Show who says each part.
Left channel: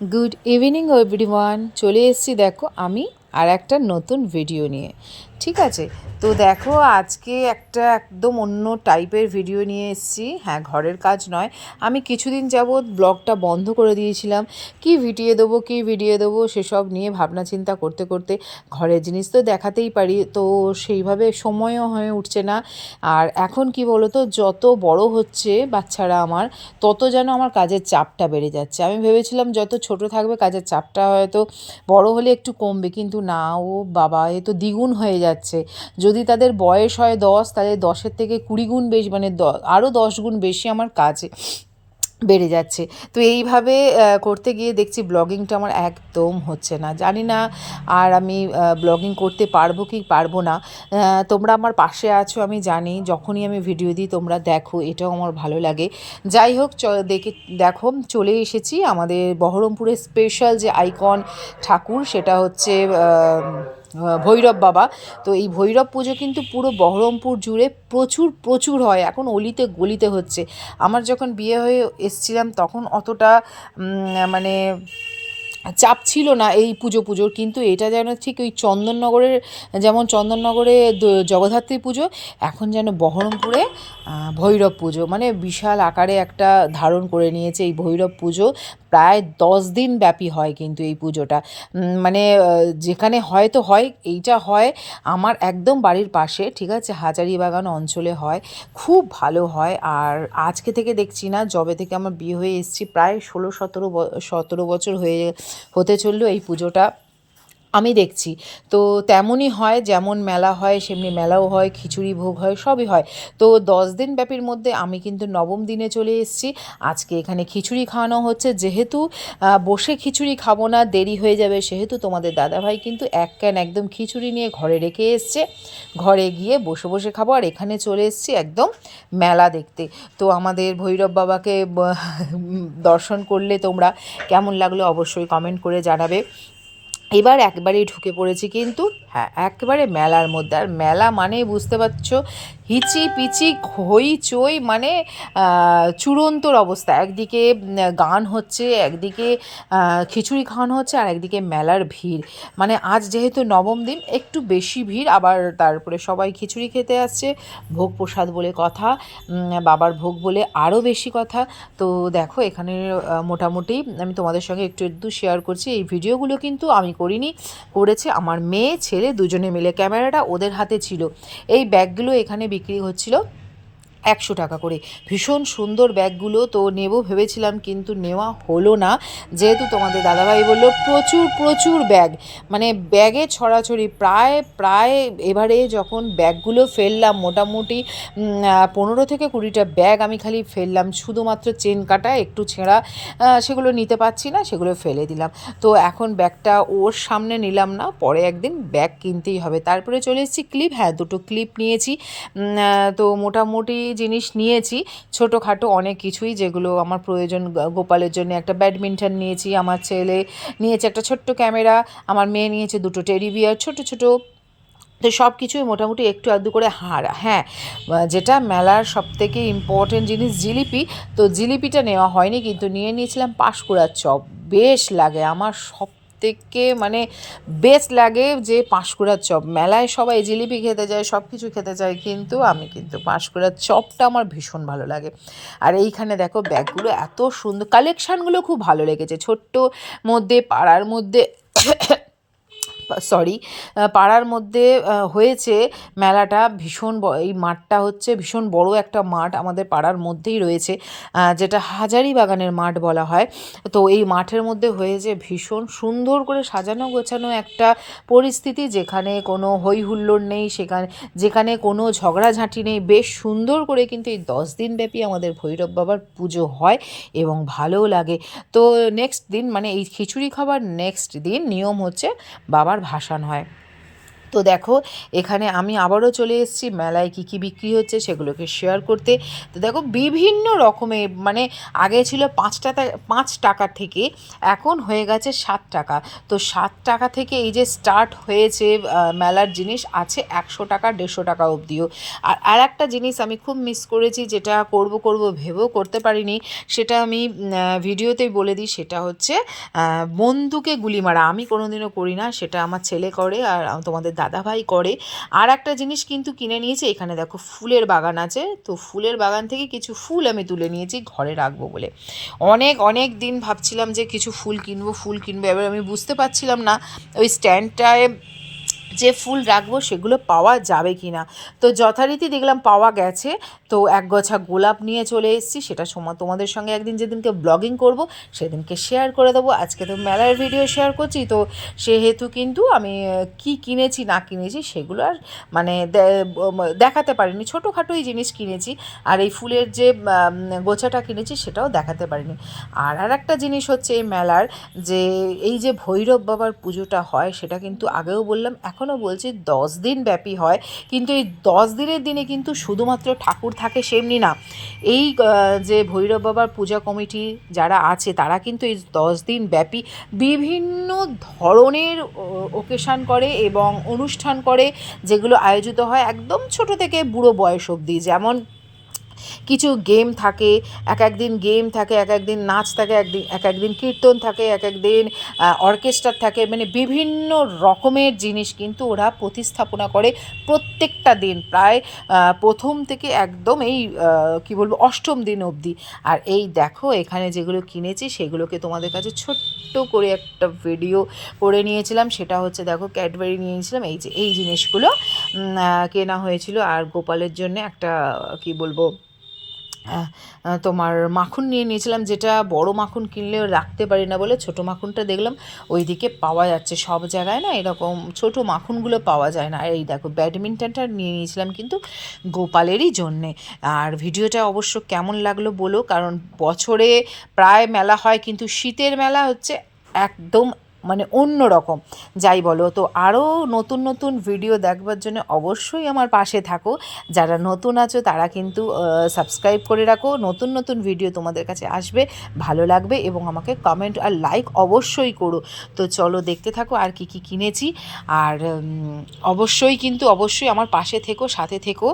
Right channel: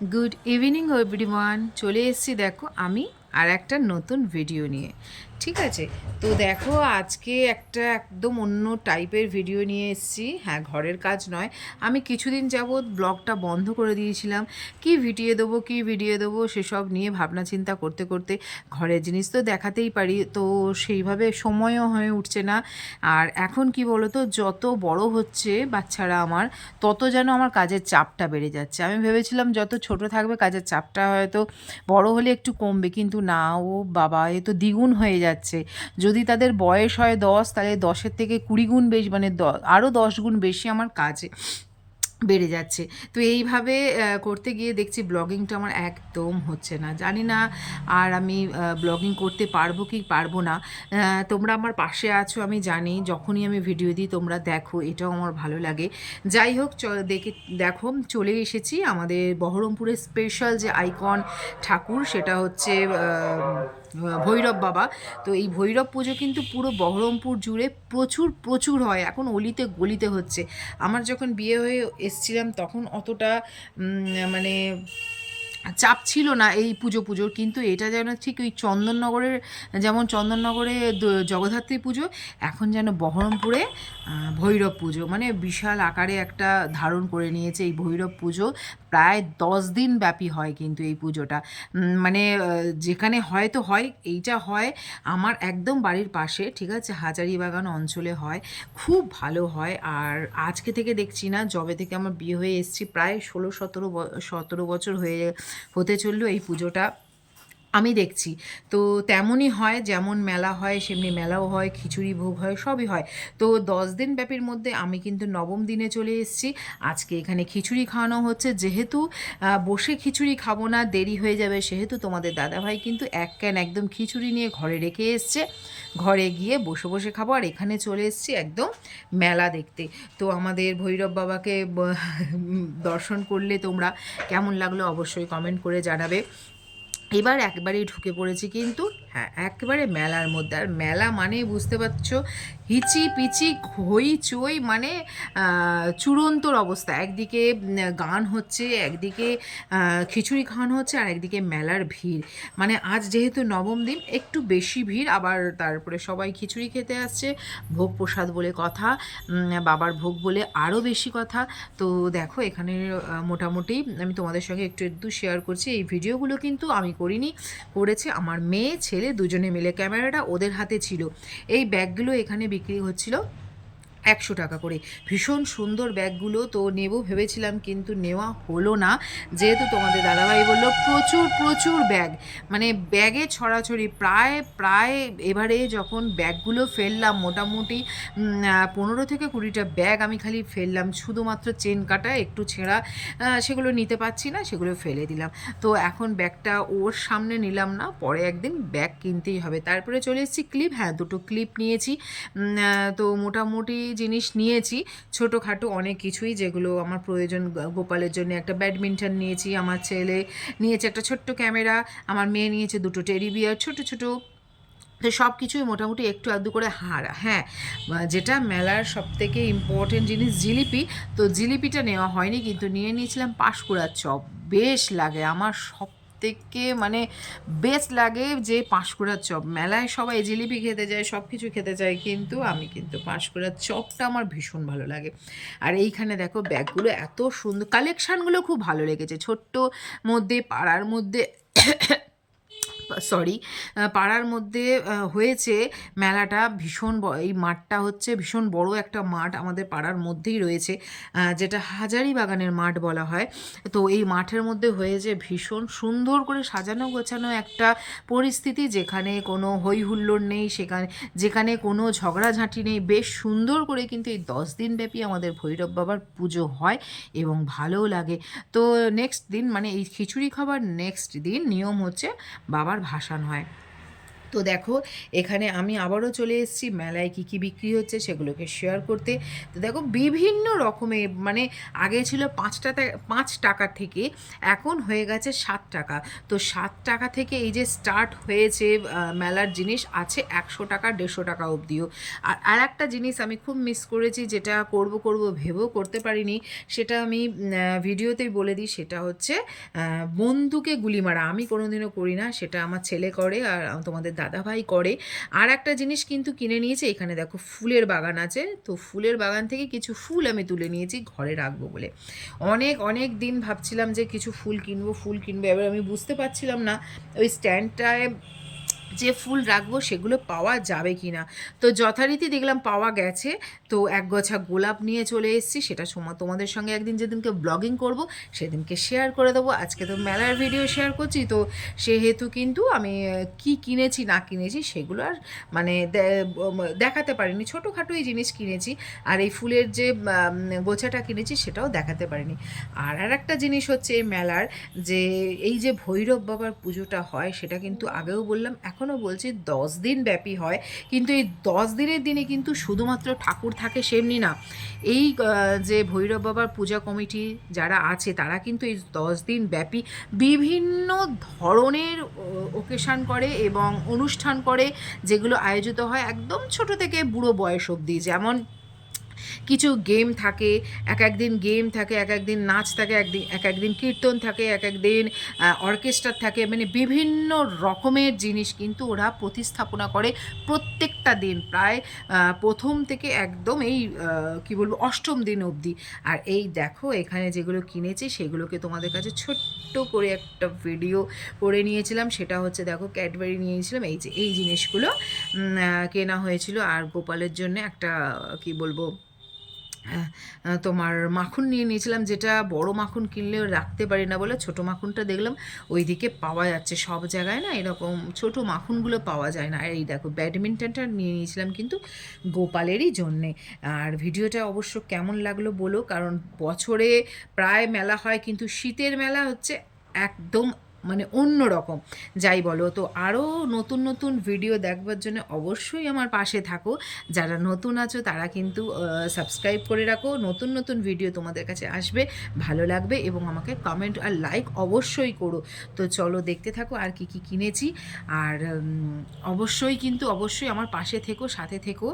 Speaker 1: Good evening everyone চলে এসেছি দেখো আমি আর একটা নতুন ভিডিও নিয়ে। ঠিক আছে? তো দেখো, আজকে একটা একদম অন্য টাইপের ভিডিও নিয়ে এসেছি। হ্যাঁ ঘরের কাজ নয়। আমি কিছুদিন যাবৎ ব্লগটা বন্ধ করে দিয়েছিলাম। কি ভিডিও দেবো, কি ভিডিও দেবো, সেসব নিয়ে ভাবনা চিন্তা করতে করতে ঘরের জিনিস তো দেখাতেই পারি। তো সেইভাবে সময়ও হয়ে উঠছে না। আর এখন কি বলো তো যত বড় হচ্ছে বাচ্চারা আমার, তত যেন আমার কাজের চাপটা বেড়ে যাচ্ছে। আমি ভেবেছিলাম যত ছোট থাকবে, কাজের চাপটা হয়তো বড় হলে একটু কমবে। কিন্তু না, ও বাবা, এ তো দ্বিগুণ হয়ে যাচ্ছে। যদি তাদের বয়স হয় দশ, তাহলে দশের থেকে কুড়ি গুণ বেশি মানে দ আরও দশ গুণ বেশি আমার কাজে বেড়ে যাচ্ছে। তো এইভাবে করতে গিয়ে দেখছি ব্লগিংটা আমার একদম হচ্ছে না। জানি না আর আমি ব্লগিং করতে পারব কি পারব না। তোমরা আমার পাশে আছো, আমি জানি। যখনই আমি ভিডিও দিই, তোমরা দেখো, এটাও আমার ভালো লাগে। যাই হোক, চ, দেখে, দেখো, চলে এসেছি আমাদের বহরমপুরের স্পেশাল যে আইকন ঠাকুর, সেটা হচ্ছে ভৈরব বাবা। তো এই ভৈরব পুজো কিন্তু পুরো বহরমপুর জুড়ে প্রচুর প্রচুর হয়। এখন অলিতে, গলিতে হচ্ছে। আমার যখন বিয়ে হয়ে এসছিলাম তখন অতটা মানে চাপ ছিল না এই পুজো পুজোর। কিন্তু এটা যেন ঠিক ওই চন্দননগরের, যেমন চন্দননগরে জগদ্ধাত্রী পুজো, এখন যেন বহরমপুরে ভৈরব পুজো। মানে বিশাল আকারে একটা ধারণ করে নিয়েছে এই ভৈরব পুজো। প্রায় দশ দিন ব্যাপী হয় কিন্তু এই পুজোটা। মানে যেখানে হয়তো হয়, এইটা হয় আমার একদম বাড়ির পাশে, ঠিক আছে? হাজারিবাগান অঞ্চলে হয়, খুব ভালো হয়। আর আজকে থেকে দেখছি না জবে থেকে আমার বিয়ে হয়ে এসেছি, প্রায় ষোলো সতেরো সতেরো বছর হয়ে, হতে চলল এই পুজোটা। আমি দেখছি। তো তেমনই হয়, যেমন মেলা হয়, সেমনি মেলাও হয়, খিচুড়ি ভোগ হয়, সবই হয়। তো দশ দিন ব্যাপীর মধ্যে আমি কিন্তু নবম দিনে চলে এসেছি। আজকে এখানে খিচুড়ি খাওয়ানো হচ্ছে। যেহেতু বসে খিচুড়ি খাব না, দেরি হয়ে যাবে, সেহেতু তোমাদের দাদাভাই কিন্তু এক ক্যান একদম খিচুড়ি নিয়ে ঘরে রেখে এসছে। ঘরে গিয়ে বসে বসে খাব। আর এখানে চলে এসছি একদম মেলা দেখতে। তো আমাদের ভৈরব বাবাকে দর্শন করলে তোমরা কেমন লাগল অবশ্যই কমেন্ট করে জানাবে। এবার একবারেই ঢুকে পড়েছি কিন্তু হ্যাঁ একেবারে মেলার মধ্যে। আর মেলা মানেই বুঝতে পারছ হিচি পিচি হইচই মানে আহ, চূড়ান্তর অবস্থা। একদিকে গান হচ্ছে একদিকে খিচুড়ি খাওয়ানো হচ্ছে আর একদিকে মেলার ভিড়। মানে আজ যেহেতু নবম দিন একটু বেশি ভিড় আবার তারপরে সবাই খিচুড়ি খেতে আসছে। ভোগ প্রসাদ বলে কথা বাবার ভোগ বলে আরও বেশি কথা। তো দেখো এখানে মোটামুটি আমি তোমাদের সঙ্গে একটু একটু শেয়ার করছি। এই ভিডিওগুলো কিন্তু আমি করিনি করেছে আমার মেয়ে ছেলে দুজনে মিলে ক্যামেরাটা ওদের হাতে ছিল। এই ব্যাগগুলো এখানে বিক্রি হচ্ছিল। একশো টাকা করে। ভীষণ সুন্দর ব্যাগগুলো তো নেব ভেবেছিলাম, কিন্তু নেওয়া হলো না। যেহেতু তোমাদের দাদাভাই বলল, প্রচুর প্রচুর ব্যাগ। মানে ব্যাগে ছড়াছড়ি, প্রায় প্রায় এবারে যখন ব্যাগগুলো ফেললাম, মোটামুটি পনেরো থেকে কুড়িটা ব্যাগ আমি খালি ফেললাম, শুধুমাত্র চেন কাটা, একটু ছেঁড়া সেগুলো নিতে পারছি না, সেগুলো ফেলে দিলাম। তো এখন ব্যাগটা ওর সামনে নিলাম না, পরে একদিন ব্যাগ কিনতেই হবে। তারপরে চলে এসেছি ক্লিপ হ্যাঁ দুটো ক্লিপ নিয়েছি। তো মোটামুটি জিনিস নিয়েছি। ছোটোখাটো অনেক কিছুই যেগুলো আমার প্রয়োজন গোপালের জন্য। একটা ব্যাডমিন্টন নিয়েছি, আমার ছেলে নিয়েছে একটা ছোট্ট ক্যামেরা, আমার মেয়ে নিয়েছে দুটো টেডি বিয়ার, ছোটো ছোটো। তো সব কিছুই মোটামুটি একটু আধটু করে হার হ্যাঁ। যেটা মেলার সব থেকে ইম্পর্টেন্ট জিনিস জিলিপি, তো জিলিপিটা নেওয়া হয়নি, কিন্তু নিয়ে নিয়েছিলাম পাঁশকুড়ার চপ। বেশ লাগে, আমার সব থেকে মানে বেস্ট লাগে যে পাঁশকুড়ার চপ। মেলায় সবাই জিলিপি খেতে যায় সব কিছু খেতে চায় কিন্তু আমি কিন্তু পাঁশকুড়ার চপটা আমার ভীষণ ভালো লাগে। আর এইখানে দেখো ব্যাগগুলো এত সুন্দর কালেকশানগুলো খুব ভালো লেগেছে। ছোট্ট মধ্যে, পাড়ার মধ্যে সরি পাড়ার মধ্যে হয়েছে মেলাটা ভীষণ এই মাঠটা হচ্ছে ভীষণ বড় একটা মাঠ আমাদের পাড়ার মধ্যেই রয়েছে যেটা হাজারি বাগানের মাঠ বলা হয়। তো এই মাঠের মধ্যে হয়েছে ভীষণ সুন্দর করে সাজানো গোছানো একটা পরিস্থিতি যেখানে কোনো হই হুল্লোড় নেই, সেখানে, যেখানে কোনো ঝগড়াঝাঁটি নেই। বেশ সুন্দর করে কিন্তু এই দশ দিন ব্যাপী আমাদের ভৈরব বাবার পুজো হয় এবং ভালোও লাগে। তো নেক্সট দিন মানে এই খিচুড়ি খাবার নেক্সট দিন নিয়ম হচ্ছে বাবার ভাসান হয়। তো দেখো, এখানে আমি আবারও চলে এসেছি, মেলায় কী কী বিক্রি হচ্ছে সেগুলোকে শেয়ার করতে। তো দেখো, বিভিন্ন রকমের মানে আগে ছিল পাঁচ টাকা পাঁচ টাকা থেকে, এখন হয়ে গেছে সাত টাকা। তো সাত টাকা থেকে এই যে স্টার্ট হয়েছে মেলার জিনিস আছে একশো টাকা, দেড়শো টাকা অবধিও। আর আর একটা জিনিস আমি খুব মিস করেছি, যেটা করব করব, ভেবেও করতে পারিনি, সেটা আমি ভিডিওতেই বলে দিই, সেটা হচ্ছে বন্দুকে গুলি মারা। আমি কোনোদিনও করি না, সেটা আমার ছেলে করে, আর তোমাদের দাদাভাই করে। আর একটা জিনিস কিন্তু কিনে নিয়েছি, এখানে দেখো ফুলের বাগান আছে। তো ফুলের বাগান থেকে কিছু ফুল আমি তুলে নিয়েছি, ঘরে রাখব বলে। অনেক অনেক দিন ভাবছিলাম যে কিছু ফুল কিনবো ফুল কিনবো, এবার আমি বুঝতে পারছিলাম না। ওই স্ট্যান্ডটায় যে ফুল রাখব সেগুলো পাওয়া যাবে কি না তো যথারীতি দেখলাম পাওয়া গেছে। তো এক গোছা গোলাপ নিয়ে চলে এসেছি, সেটা সময় তোমাদের সঙ্গে একদিন যেদিনকে ব্লগিং করব, সেদিনকে শেয়ার করে দেবো। আজকে তো মেলার ভিডিও শেয়ার করছি, তো সেহেতু কিন্তু আমি কি কিনেছি, না কিনেছি সেগুলো আর মানে দেখাতে পারিনি। ছোটোখাটোই জিনিস কিনেছি, আর এই ফুলের যে গোছাটা কিনেছি সেটাও দেখাতে পারিনি। আর আর একটা জিনিস হচ্ছে এই মেলার যে, এই যে ভৈরব বাবার পুজোটা হয়, সেটা কিন্তু আগেও বললাম এখনও বলছি দশ দিন ব্যাপী হয়, কিন্তু এই দশ দিনের দিনে কিন্তু শুধুমাত্র ঠাকুর থাকে সেমনি না। এই যে ভৈরব বাবার পূজা কমিটি যারা আছে, তারা কিন্তু এই দশ দিন ব্যাপী বিভিন্ন ধরনের ওকেশান করে এবং অনুষ্ঠান করে, যেগুলো আয়োজিত হয় একদম ছোট থেকে বুড়ো বয়স অবধি। যেমন কিছু গেম থাকে, এক একদিন গেম থাকে, এক একদিন নাচ থাকে একদিন এক একদিন কীর্তন থাকে, এক একদিন অর্কেস্ট্রার থাকে মানে বিভিন্ন রকমের জিনিস কিন্তু ওরা প্রতিস্থাপনা করে প্রত্যেকটা দিন। প্রায় প্রথম থেকে একদম এই কি বলব, অষ্টম দিন অবধি। আর এই দেখো, এখানে যেগুলো কিনেছি, সেগুলোকে তোমাদের কাছে ছোট্ট করে একটা ভিডিও করে নিয়েছিলাম। সেটা হচ্ছে দেখো, ক্যাডবেরি নিয়েছিলাম এই যে, এই জিনিসগুলো কেনা হয়েছিল। আর গোপালের জন্য একটা, কি বলব তোমার মাখন নিয়ে নিয়েছিলাম, যেটা বড় মাখন কিনলেও রাখতে পারি না বলে ছোট মাখনটা দেখলাম, ওইদিকে পাওয়া যাচ্ছে সব জায়গায় না, এরকম ছোট মাখনগুলো পাওয়া যায় না। এই দেখো, ব্যাডমিন্টনটা নিয়ে নিয়েছিলাম কিন্তু গোপালেরই জন্যে। আর ভিডিওটা অবশ্য কেমন লাগল বলো, কারণ বছরে প্রায় মেলা হয়, কিন্তু শীতের মেলা হচ্ছে একদম মানে অন্য রকম। যাই বলো, তো আরও নতুন নতুন ভিডিও দেখবার জন্য অবশ্যই আমার পাশে থাকো। যারা নতুন আছো, তারা কিন্তু সাবস্ক্রাইব করে রাখো। নতুন নতুন ভিডিও তোমাদের কাছে আসবে, ভালো লাগবে এবং আমাকে কমেন্ট আর লাইক অবশ্যই করো। তো চলো দেখতে থাকো আর কি কি কিনেছি। আর অবশ্যই কিন্তু অবশ্যই আমার পাশে থেকো, সাথে থেকো।